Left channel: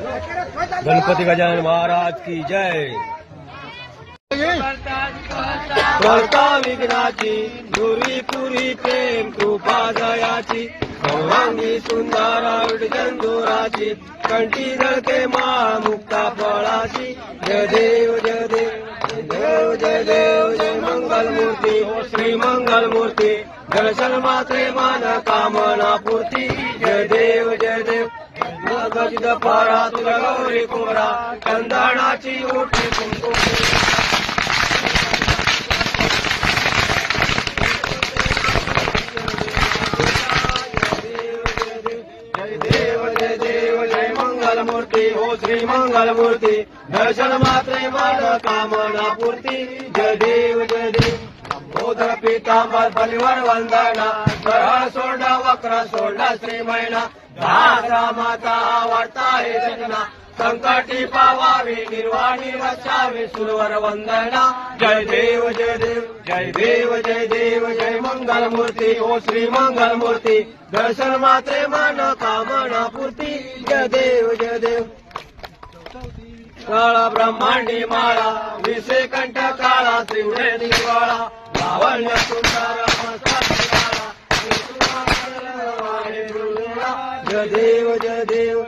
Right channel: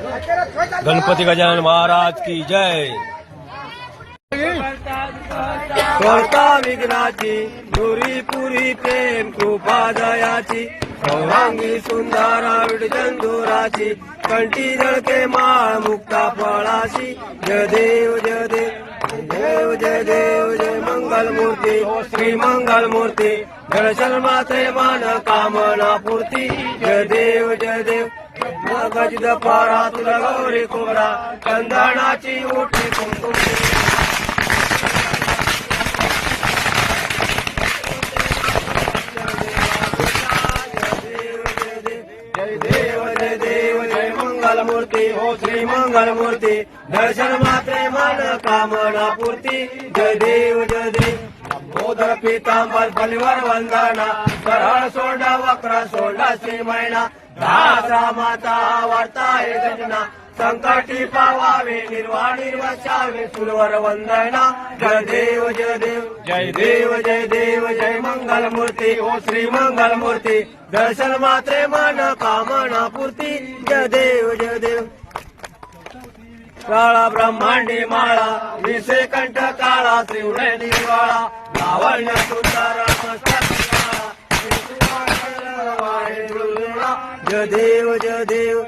गणपती गजानन महाराज की जय। करता विघ्नाची दुरी पुरी प्रेम कृपा दयाची गौरांगी सुंदरा विडचंदुराची कंठी जळके माळ मुक्ता फळाशी जय देव जय देव जय देव जय मंगल मूर्ती श्री मंगल मूर्ती दर्शन मात्रे मन कामना पूर्ती। जय देव जय देव। गजद पारा तुला गौरी कोरा चंदनाची उठी कुंकुम. मूर्ती हो श्री मंगल मूर्ती दर्शन मात्र मन कामना पूर्ती. जय देव जय देव पितांबर बलिवर वंदना सरळ सोडा वक्र सोडा श्री मैना दास रामाचा आवडता आहे सजना संकटी पावावे निर्वाणी वसावे सुरवर वंदना. जय देव जय देव जय देव जय देव जय मंगल मूर्ती ओ श्री मंगल मूर्ती दर्शन मात्रे मन कामना पूर्ती. जय देव जय देव. काळा ब्रह्मांडी माळा विषय कंठ काळा त्रिवेणी काळा सुंदर मस्तकी आळा. जय देव जय देव